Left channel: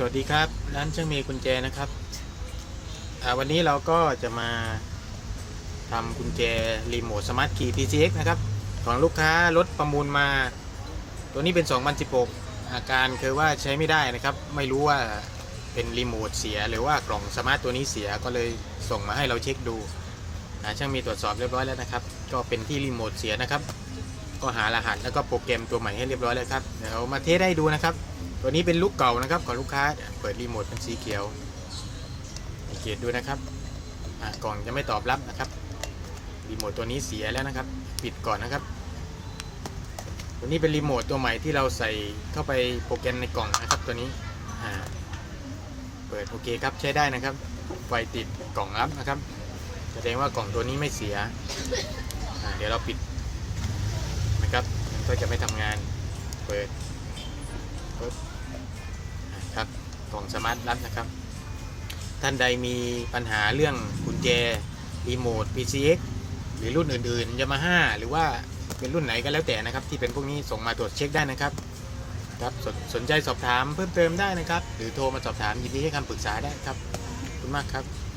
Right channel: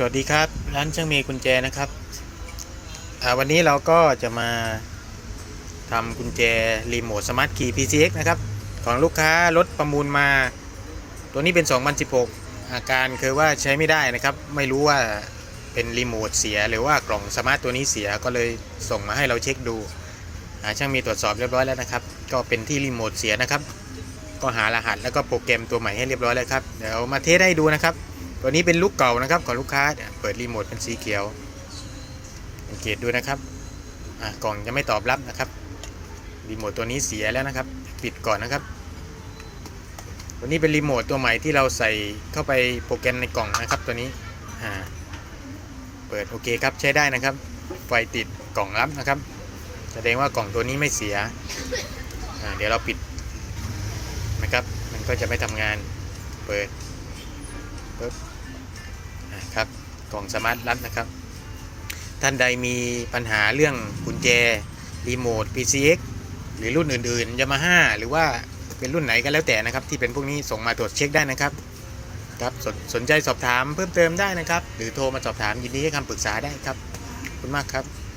สวัสดีครับ ร้านช่างมีกุญแจนะครับวันนี้เราก็จะมาทำกุญแจรีโมทสมาร์ทคีย์ PCX นะครับของลูกค้ารถประมูลมา ตัวนี้เป็น 2016 อาการคือว่าใช้ไม่ได้นะครับ ไม่รู้ว่าเป็นรีโมทเสียหรือว่ากล่องสมาร์ทตัวนี้เสียก็เลยส่งมาให้เราเช็คดูช่างมีตรวจสอบเรียบร้อยแล้วนะครับ ก็เป็นที่รีโมทเสียนะครับ ก็หารหัสแล้วก็โปรแกรมตัวใหม่ให้เรียบร้อยแล้วครับเดี๋ยวมาเทสให้ดูนะครับ ตัวนี้เป็นลูกเก่านะครับของลูกค้าเนี่ยเปิดรีโมทเป็นสีเขียวสังเกตดูนะครับกล่องจะไม่ตอบรับนะครับรีโมทตัวนี้เสียแล้วนะครับ ปิดก่อนนะครับ ตัวนี้เป็นรีโมทตัวใหม่ที่เราใส่เข้าไปโปรแกรมในกล่องนะครับ ตัวนี้เปิดโอเคครับใช้ได้นะครับ ไฟติดกล่องรับนะครับ แสดงว่ากล่องตัวนี้ไม่เสีย เดี๋ยวเราปิดนะครับ มันก็จะไม่ทำงาน เปิดนะครับ กล่องสมาร์ทลัดนะครับ ท่านใดมีปัญหาเรื่องกุญแจรีโมท PCX หรือรุ่นอื่นๆยามาฮ่าหรือว่าเป็นรุ่นไหนก็แล้วแต่นะครับ ที่เป็นพวกนี้ส่งมาตรวจเช็คได้นะครับครับสสนใจสอบถามเพิ่มเติมได้นะครับ หรือโทรมาสอบถามยินดีให้คำปรึกษาได้ครับขอบคุณมากครับ